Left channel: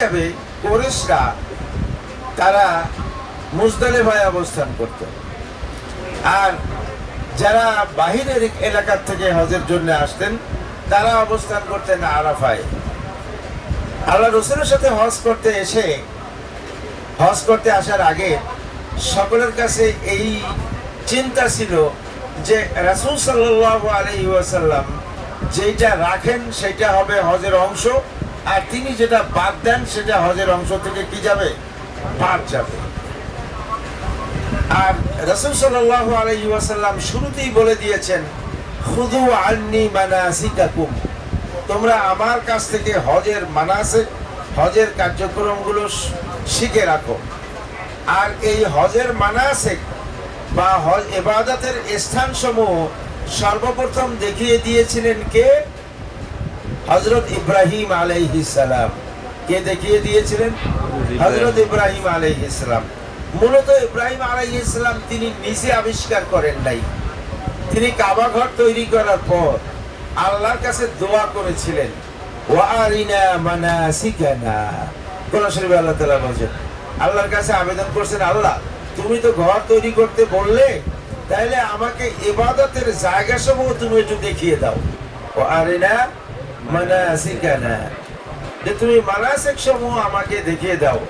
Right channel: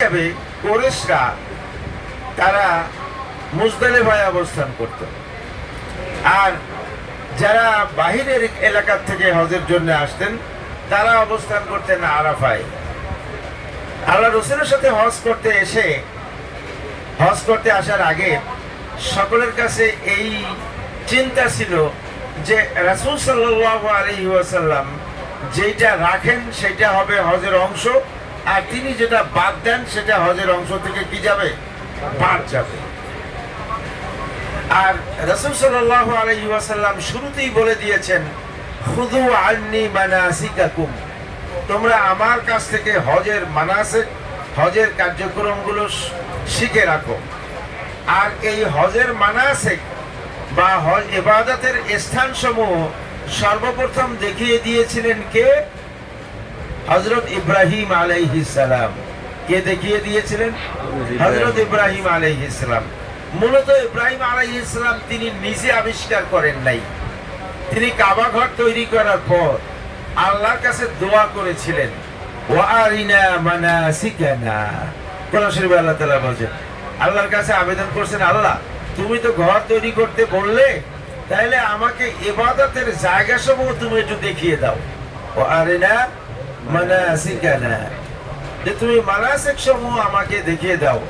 কুরাইশরা তারা মুজদালিফায় অবস্থান করত, আর যারা বাহিরের এলাকা থেকে হজের জন্য আসতেন তারা অবস্থান করতেন আরাফায়। আল্লাহ রাসূলের সাথে হজ করতে আসার আগে সকলের কাছে এই চিন্তা ছিল যে রাসূল সাল্লাল্লাহু আলাইহি ওয়াসাল্লাম যেটা রাখেন সেটা হবে হজের অংশ, আর তিনি যেটা বাদ দেন সেটা হজের অংশ থেকে কি যাবে, বাদ যাবে। আর রাসূল সাল্লাল্লাহু আলাইহি ওয়াসাল্লাম শুরুতেই বলে দিয়েছেন, খুযু আন্নী মানাসিকাকুম, তোমরা আমার কাছ থেকে হজের মানাসিক, হজের কার্যক্রমগুলো শিখে রাখো। আর এই হজের মানাসিক বা হজ ইবাদতের স্থানসমূহ সর্বপ্রথম দেখিয়ে দিয়েছিলেন কে? হযরত ইব্রাহিম আলাইহিস সালাম। কে দেখিয়ে দিয়েছিলেন? হযরত ইব্রাহিম আলাইহিস সালাম। মূলত ইব্রাহিম আলাইহিস সালাম তিনি নিজে আবিষ্কার করেন নাই, তিনি কাবা ঘর তৈরি করার পর আল্লাহর কাছে দোয়া করেছিলেন, ওয়া আরিনা মানাসিকানা। কোরআন শরীফে আল্লাহ তাআলা বলেন, আল্লাহর কাছে আবেদন করছেন, আল্লাহ তুমি তো ঘর তৈরি করতে বললে, তাহলে আমাকে ইবাদতের জায়গাসমূহ তুমি একটু দেখিয়ে দাও। ওয়া আরিনা মানাসিকানা, যে তুমি মানাসিক সমূহ আমাকে দেখিয়ে দাও।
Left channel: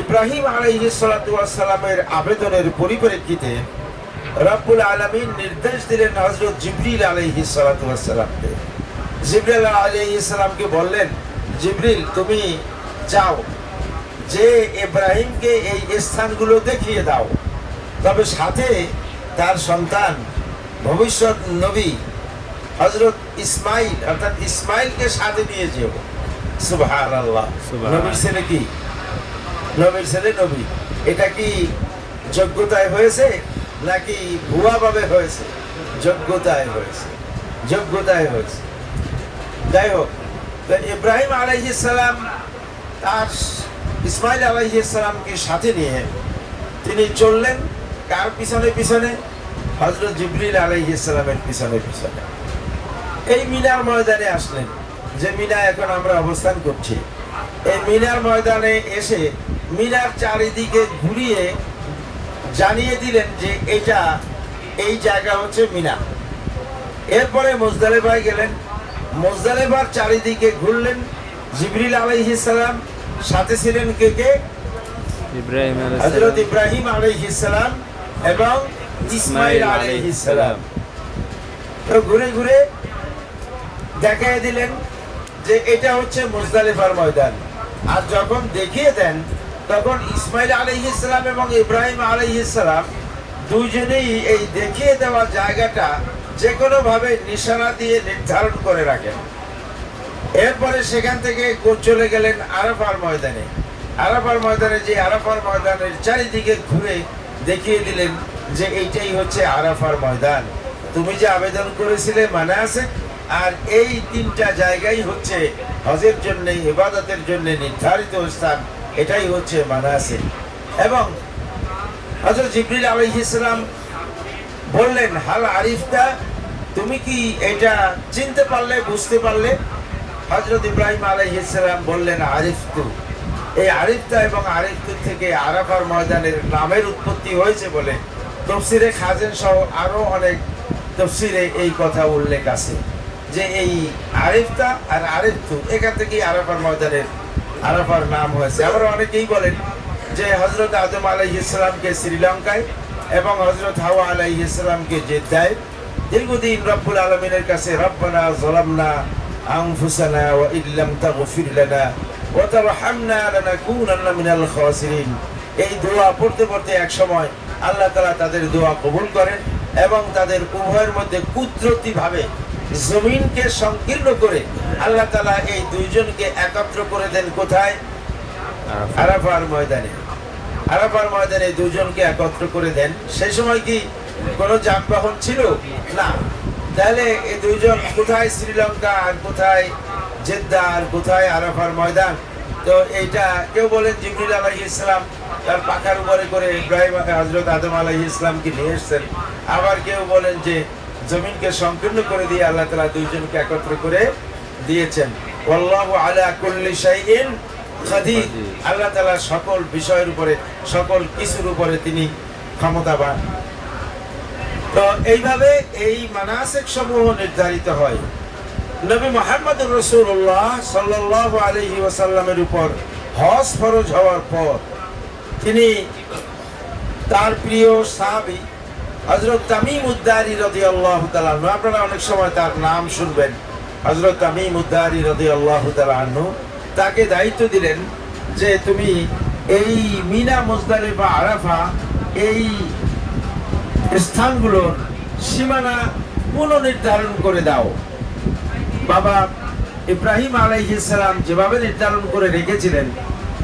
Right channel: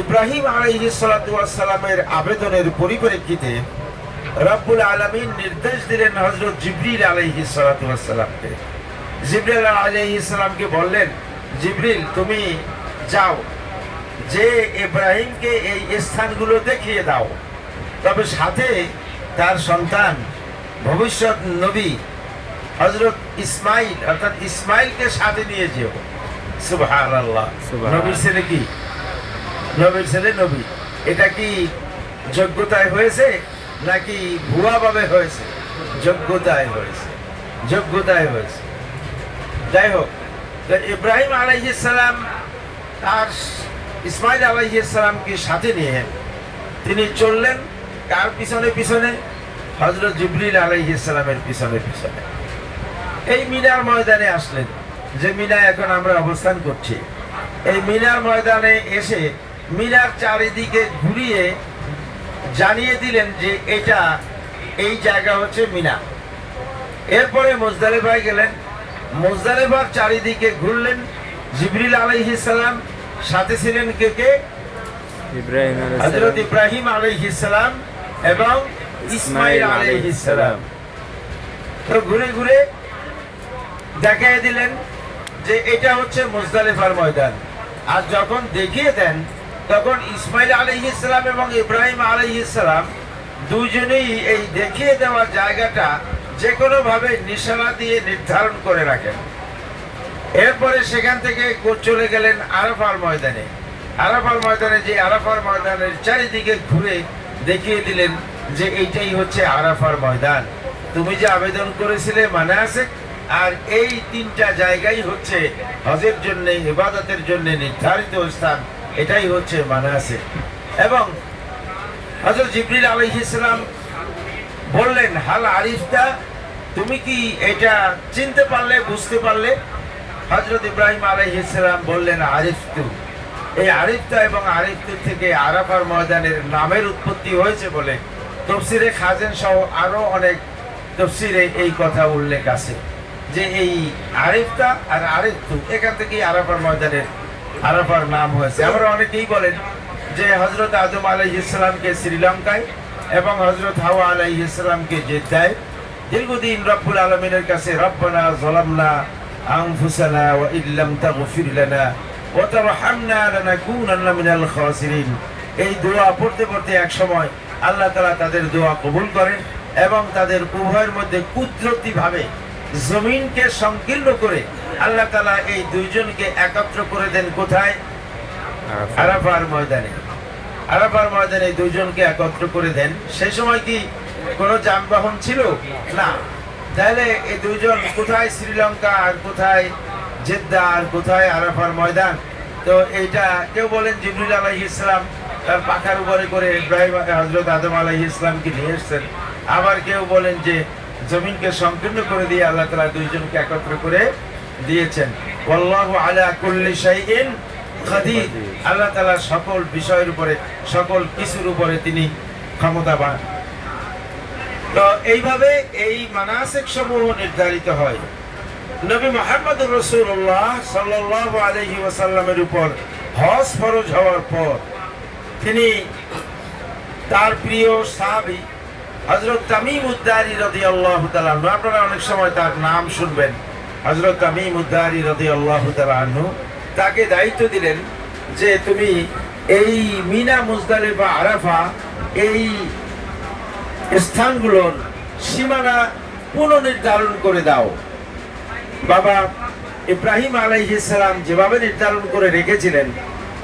ইব্রাহিম আলাইহিস সালাতু ওয়াস সালামের আবেদনের পরিপ্রেক্ষিতে রব্বুল আলামিন নির্দেশ দিলেন হযরত জিবরিল আলাইহিস সালাতু ওয়াস সালামকে। জিবরিল আলাইহিস সালামকে বললেন, জিবরিল তুমি যাও, যে ইব্রাহিমকে এই স্থানগুলো দেখিয়ে দাও, তবে সাথে তার সন্তান ভবিষ্যৎ নবী হযরত ইসমাইল অর্থাৎ ইসমাইলকে সাথে নিয়ে যেও। সুবহানাল্লাহ। নবীর ছেলে কি? নবীর ছেলে নবী। এটা কি যোগ্যতায় হয়েছে নাকি ভুয়া ভাবে হয়েছে? যোগ্যতায় হয়েছে, যোগ্যতায় হয়েছে। যাই হোক, ইব্রাহিম আলাইহিস সালাম তার ইসমাইল আলাইহিস সালামকে সাথে নিয়ে তিনি চললেন কার পিছনে পিছনে? হযরত জিবরিল আলাইহিস সালামের পিছনে পিছনে। এই মিনার ময়দানে আসলেন, যে মিনায় এখন আমরা অবস্থান করছি। এই মিনার ময়দানে এসে মিনার চারিদিকে ঘুরিয়ে জানিয়ে দিলেন যে এটা এই জায়গা হচ্ছে মিনা। এরপরে মুজদালিফায় গেলেন, মুজদালিফার চারিদিকে ঘুরলেন। জিবরিল আলাইহিস সালাম সাথে ছিলেন কে কে? হযরত ইব্রাহিম আলাইহিস সালাম এবং ইসমাইল আলাইহিস সালাম। তো ঘুরে ঘুরে দেখিয়ে দিলেন যে এটা হচ্ছে মুজদালিফার ময়দান। আর যখন দেখিয়ে দেন তখন ইসমাইল আলাইহিস সালাম এবং ইব্রাহিম আলাইহিস সালাম দুইজনেই এই দেখিয়ে দেওয়া জায়গাটা যে কোনো ভাবে নিশানা দিয়ে নির্ধারণ করে রাখেন। এরপরে সেখান থেকে চলে গেলেন আরাফার ময়দানে। আরাফার ময়দানে, যে আরাফার ময়দানের চারিদিকে ঘুরে দেখিয়ে দিলেন যে এইটাই হচ্ছে আরাফার ময়দান। তুমি যে আবেদন করেছিলে মানাসিক, আর এই তিনটা জায়গাই হচ্ছে হজের জন্য, ইবাদতের জন্য নির্ধারিত স্থান, এটাই হচ্ছে মানাসিক। এবং হযরত জিবরিল আলাইহিস সালাম বললেন, হাল আরিফতা, তুমি কি এটা চিনতে পারলে, বুঝতে পারলে? হযরত ইব্রাহিম আলাইহিস সালাম বললেন, আরিফতু। এই আরিফতা এবং আরিফতু থেকে আরাফার ময়দানের নামের উৎপত্তি হয়েছে বলে তাফসীরে খাজেন সহ আরো অনেক তাফসীরে এই কথা উল্লেখ আছে যে এই আরিফতা আর আরিফতু এখান থেকেই আরাফার ময়দানের আরাফার নাম হয়েছে। আমরা অনেকেই বলেন যে হযরত আদম আলাইহিস সালামকে শ্রীলঙ্কায় এবং হযরত হাওয়া আলাইহিস সালামকে জেদ্দায় দীর্ঘদিন রব্বুল আলামিনের কাছে রব্বানা যালামনা আনফুসানা ওয়া ইল্লাম তাগফির লানা ওয়া তারহামনা লানাকুনান্না মিনাল খাসিরিন, এই দোয়া পড়তে পড়তে এক সময় আল্লাহ তাআলা তাদের দোয়া কবুল করেন এবং তাদের উভয়ের মধ্যে কুদরতিভাবে জমিনকে সংকীর্ণ করে আল্লাহ তাআলা এই দুইজনকে একত্র করে দেন। কোথায়? আরাফার ময়দানে। আরাফার ময়দানে দুইজনকে একত্র করে দেন। সেই সময় কি কোনো যানবাহন ছিল না? তাহলে এই দুইজন কোথায়? শ্রীলঙ্কা, আর কোথায় জেদ্দা, আর কোথায় আরাফার ময়দান? তো এইটা কেউ বলেন জিবরিল আলাইহিস সালাম তার পাখার উপরে করে ইব্রাহিম হযরত আদম আলাইহিস সালামকে নিয়ে এসেছেন। আবার কেউ বলেন যে জমিনকে সংকীর্ণ করে দিয়ে আল্লাহ তাআলা দুইজনকে একত্র করে দিয়েছেন। ওয়াল্লাহু আলা কুল্লি শাইইন কাদির, আল্লাহ তাআলা সকল বিষয়ের উপরে, সকল কিছুর উপরে তিনি ক্ষমতাবান। তো এইভাবে এই মানাসিক সমূহ নির্ধারিত হয়। নবী মুহাম্মদুর রাসূলুল্লাহ সাল্লাল্লাহু আলাইহি ওয়াসাল্লামের উপর হজ ফরজ হওয়ার পর তিনি তার প্রিয় সাহাবী হযরত তামিম উদ-দারি রাদিয়াল্লাহু তাআলা আনহু, আপনারা অনেক সময় তার নাম শুনবেন, হযরত তামিম উদ-দারি রাদিয়াল্লাহু তাআলা আনহু, তাকে দায়িত্ব দিলেন যে তুমি এই মিনা, মুজদালিফা, আরাফা এই স্থানগুলোর সীমানা পুনর্নির্ধারণ করে দাও। বাবা ইব্রাহিম আলাইহিস সালাম যেভাবে নির্ধারণ করে রেখেছিলেন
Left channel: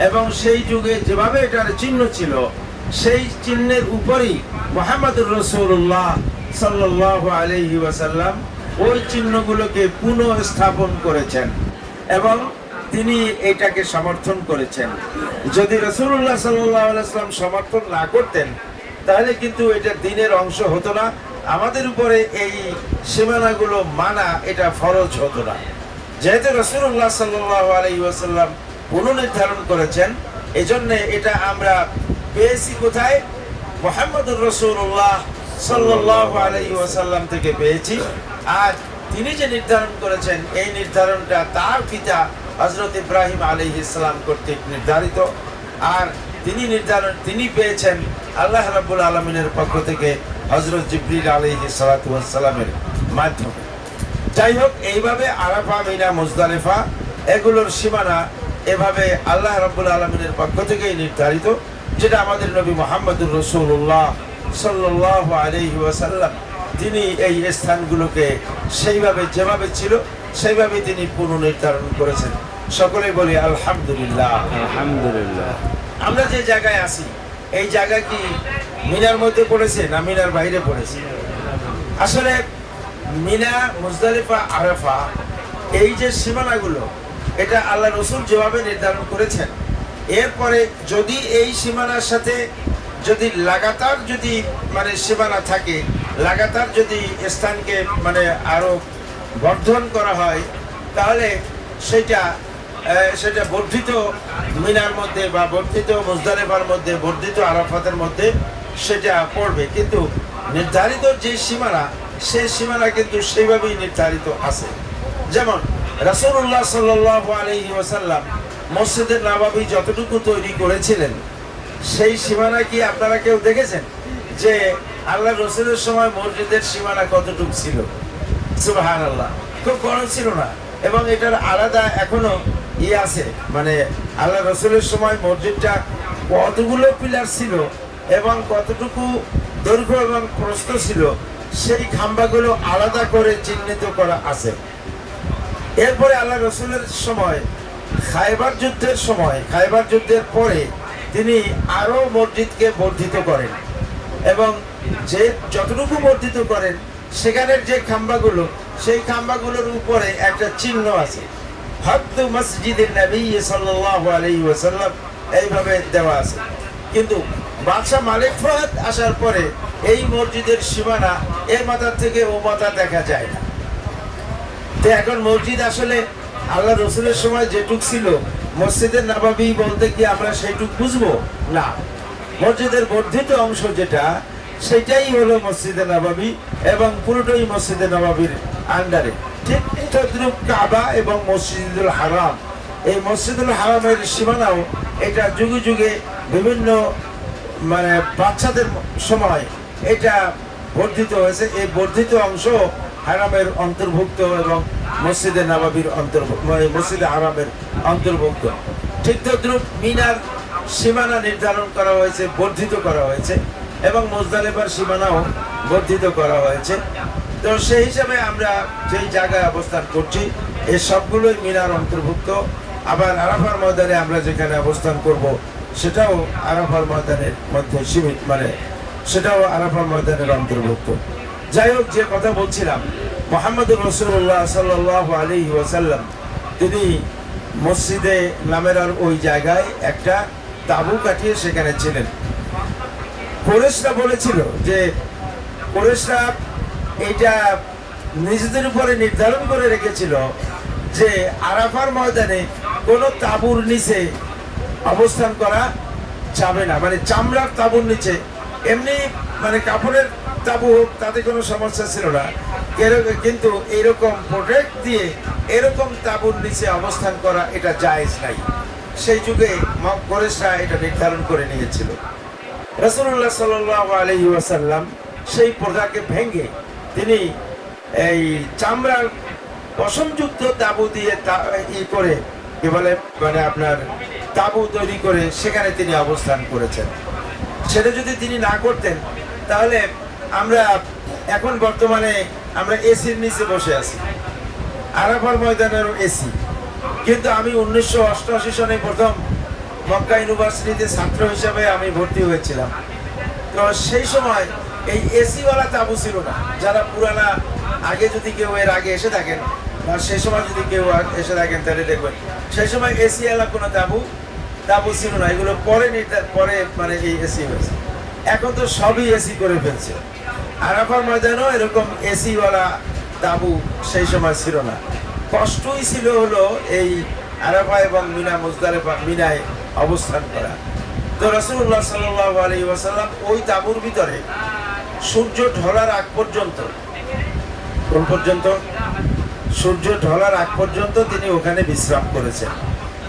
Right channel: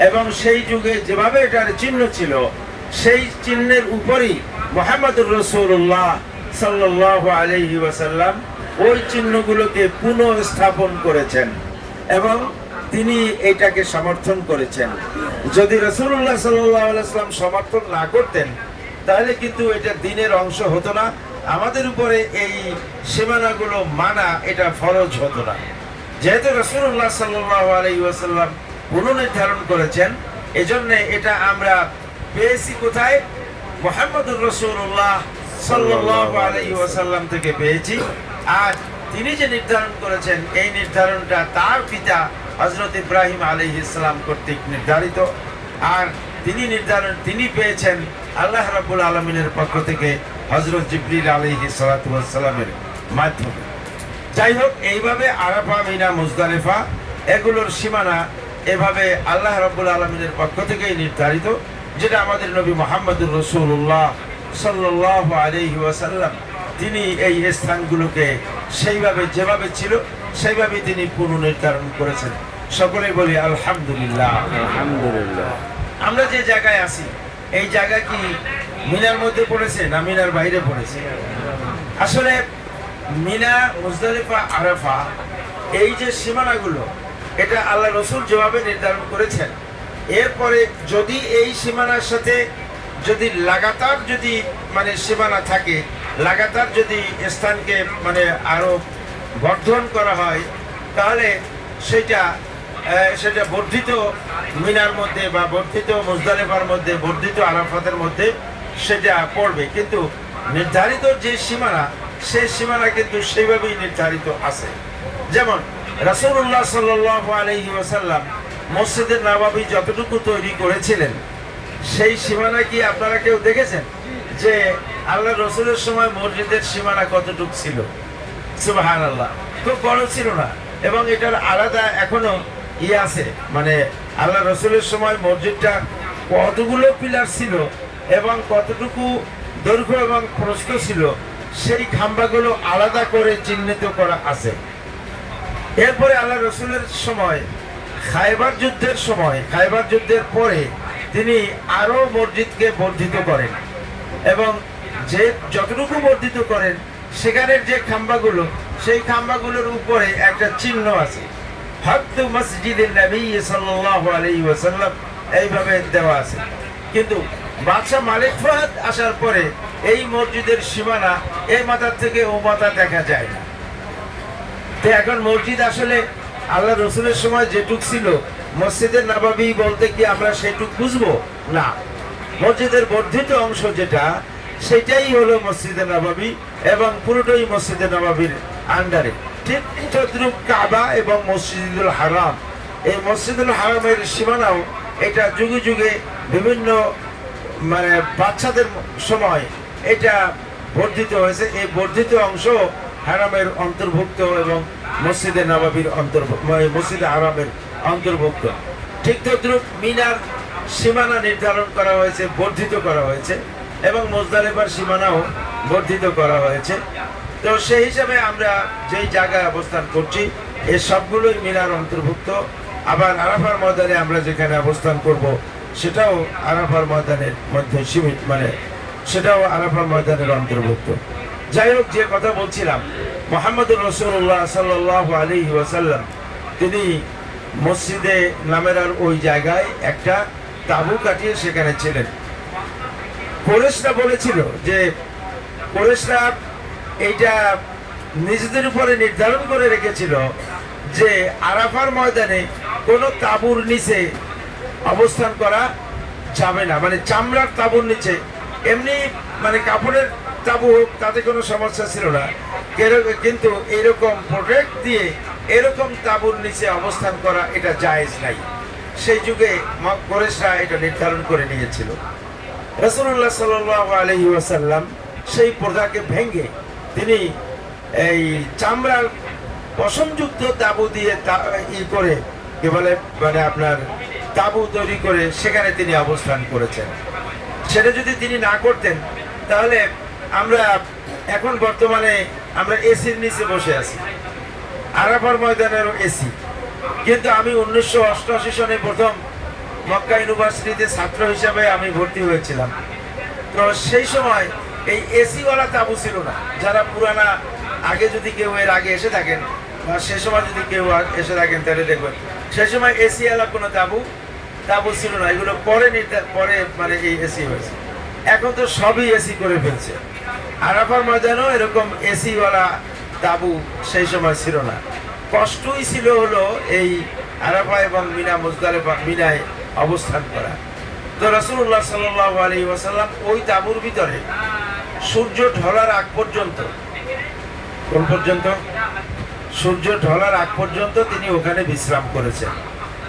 এবং সেই যুগে যেভাবে এটার চিহ্ন ছিল, সেই চিহ্নের উপরই মুহাম্মদুর রাসূলুল্লাহ সাল্লাল্লাহু আলাইহি ওয়াসাল্লাম ওই চিহ্নগুলোকে পুনঃস্থাপন করেছেন এবং তিনি এটাকে সমর্থন করেছেন। যদি রাসূলুল্লাহ সাল্লাল্লাহু আলাইহি ওয়াসাল্লাম সমর্থন না করতেন তাহলে কিন্তু এটা দ্বীনের অংশ হতো না, আমাদের উপরে এই সীমানাগুলো মানা এটা ফরজ হতো না। যেহেতু রাসূলুল্লাহ সাল্লাল্লাহু আলাইহি ওয়াসাল্লাম পুনর্নির্ধারণ করেছেন, এজন্য এটা আমরা পেয়েছি কোথায়? মুহাম্মদুর রাসূলুল্লাহ সাল্লাল্লাহু আলাইহি ওয়াসাল্লাম থেকে পেয়েছি। আর তিনি যে নির্ধারণ করেছেন, এই নির্ধারণটা তার পিতা হযরত ইব্রাহিম আলাইহিস সালাম কর্তৃক নির্ধারিত। আর তিনি পেয়েছেন আল্লাহ রাব্বুল আলামিনের পক্ষ থেকে হযরত জিবরিল আলাইহিস সালাতু ওয়াস সালামের মাধ্যমে। যাই হোক, এইভাবে আরাফা, মিনা, মুজদালিফা এগুলোর সীমানা এভাবে আল্লাহ রাব্বুল আলামিনের পক্ষ থেকেই নির্ধারিত, যেটা আমাদের নবী মুহাম্মদুর রাসূলুল্লাহ সাল্লাল্লাহু আলাইহি ওয়াসাল্লাম তিনি এই স্থানগুলোকে সেইভাবে যেভাবে ছিল সেইভাবে তিনি পুনর্নির্ধারণ করেছেন। সকলে বলি আলহামদুলিল্লাহ। আলহামদুলিল্লাহ। আমরা যে জায়গায় আছি, এই জায়গা কি মিনার মধ্যে পড়েছে না মিনার বাইরে পড়েছে? আসলে মিনা, মুজদালিফা, আরাফা এই যে সীমানাগুলো, এটা আল্লাহ রসুল যেভাবে নির্ধারণ করেছেন, এরপরে যদি এই সীমানার সাথে যদি লাগাতার যদি সীমানা থাকে, লাগাতার যদি স্থানকে আরো বর্ধন করা হয়, তাহলে সেটা বর্ধিত মিনার মধ্যে বা বর্ধিত মুজদালিফার মধ্যে, বর্ধিত আরাফাতের মধ্যে সেটা পড়বে। কিন্তু নির্ধারিত যে সীমানা, সেই সীমানা কিন্তু সেইভাবেই নির্ধারিত আছে। যেমন রাসূলুল্লাহ সাল্লাল্লাহু আলাইহি ওয়াসাল্লাম মসজিদে নববী যতটুকু তৈরি করেছিলেন, সেই সীমানা কি আপনারা কেউ দেখেছেন যে আল্লাহ রসুলের সময় মসজিদের সীমানা কতটুকু ছিল? সুবহানাল্লাহ, খুব বড় ছিল না। এবং এটার আলাদা এখনো আছে, আল্লাহ রসুলের সময় মসজিদটা কতগুলো পিলার ছিল এবং কতটুকু দৈর্ঘ্য এবং প্রস্থ ছিল, সেই খাম্বাগুলো আলাদা করে চিহ্নিত করা আছে। এরপরে আল্লাহ রসুলের সময় খায়বার যুদ্ধের পরে তিনি আরো মসজিদকে বর্ধিত করেন এবং যে যতটুকু বর্ধিত করেন, সেখানের যে খাম্বাগুলো, সেই খাম্বাগুলোর উপরে একটা চিহ্ন আছে, হাদ্দু মসজিদের নবী সাল্লাল্লাহু আলাইহি ওয়াসাল্লাম, এইভাবে দেওয়া আছে। কিন্তু বাদশাহ মালিক ফাহাদ আসার পরে এই মসজিদের সীমানা এই মাথার থেকে ও মাথা দেখা যায় না। তো এখন মসজিদ আসলে আল্লাহ রসুলের সময় যেটুক ছিল, মসজিদের নববী বলতে কি আমরা সেটুক বুঝবো না। মসজিদের বর্ধিত অংশ যেটা, সেটাই হলো মসজিদে নববী এবং পুরোটাই মসজিদে নববীর আন্ডারে। ঠিক তদ্রুপ কাবা এবং মসজিদুল হারাম, এই মসজিদুল হারামের সীমানাও এটা যুগে যুগে বিভিন্ন বাচ্চাদের সময় এটা বর্ধিত হয়েছে। এই বর্ধিত অংশ হারামের অন্তর্ভুক্ত এবং মসজিদে নববীর মসজিদে হারামের অন্তর্ভুক্ত। ঠিক তদ্রুপ মিনার সীমানা নির্ধারণ করা হয়েছে, বর্ধিত করা হয়েছে এবং মুজদালিফার সীমানাও বর্ধিত করা হয়েছে। তো সেই হিসাবে আমরা যেই জায়গায় অবস্থান করছি, এই সবগুলোই মিনার অন্তর্ভুক্ত। আবার আরাফার ময়দানে আমরা যেখানে অবস্থান করব, সেটাও আরাফার ময়দানের মধ্যে সীমিত, সেটাও আরাফার ময়দানের অন্তর্ভুক্ত। যাই হোক, যে কথা বলছিলাম, মুহাম্মদুর রাসূলুল্লাহ সাল্লাল্লাহু আলাইহি ওয়াসাল্লাম তিনি মসজিদে নামেরার ওই জায়গায় একটা তাঁবু কাটিয়ে সেখানে ছিলেন। কুরাইশরা বলেছিল যে, কুরাইশরা এইটা নিজেদের উপরে নির্ধারণ করে রেখেছিল যে আরাফার ময়দানে কোনো তাঁবুর নিচে অবস্থান করা যাবে না। মানে চামড়ার তাঁবুর নিচে, এমনি মানে কাপড়ের তাঁবু হোক তাতে কোনো সমস্যা ছিল না, কিন্তু এরকম প্রোটেক্ট দিয়ে এরকম তাঁবুর নিচে অবস্থান করা এটা জায়েজ নাই। সেই যুগে কুরাইশরা এটা নির্ধারণ করে নিয়েছিল। রাসূলুল্লাহ সাল্লাল্লাহু আলাইহি ওয়াসাল্লাম সেই প্রথাকে ভেঙে তিনি এই চামড়ার পশমযুক্ত তাঁবু দিয়ে করে কি বলে মানে আপনার তাঁবু তৈরি করে সেখানে তিনি অবস্থান করেছেন। সেটা যদি তিনি না করতেন তাহলে আমরা এখন বর্তমানে আমরা এসির নিচে বসে আছি, আরাফার ময়দানেরও এসি। কিন্তু আমি 1988 সনে প্রথম মক্কা ইউনিভার্সিটিতে ছাত্র হিসাবে আমি ভর্তি হয়েছিলাম। তো সেই সময় এই এসিওয়ালা তাঁবু ছিল না। যারা পুরানা আগে যদি কেউ এর আগে এসে থাকেন বা সেই সময় যদি কেউ এসে থাকেন তাহলে দেখবেন সেই সময় এসিওয়ালা কোনো তাঁবু ছিল না। এগুলো পরে মানে এই এসি হয়েছে। এখন তো সবই এসি করে ফেলছে। আরাফার ময়দানেও এরকম এসিওয়ালা তাঁবু সেই সময় ছিল না। কষ্টই ছিল হলো এই আরাফা এবং মিনায় অবস্থান করা। তো রাসূলুল্লাহ সাল্লাল্লাহু আলাইহি ওয়াসাল্লাম ওই তাঁবুর ভিতরে সূর্য ঢলার আগ পর্যন্ত, কোন পর্যন্ত? সূর্য ঢলার আগ পর্যন্ত তিনি ওখানে বিশ্রাম করেছেন।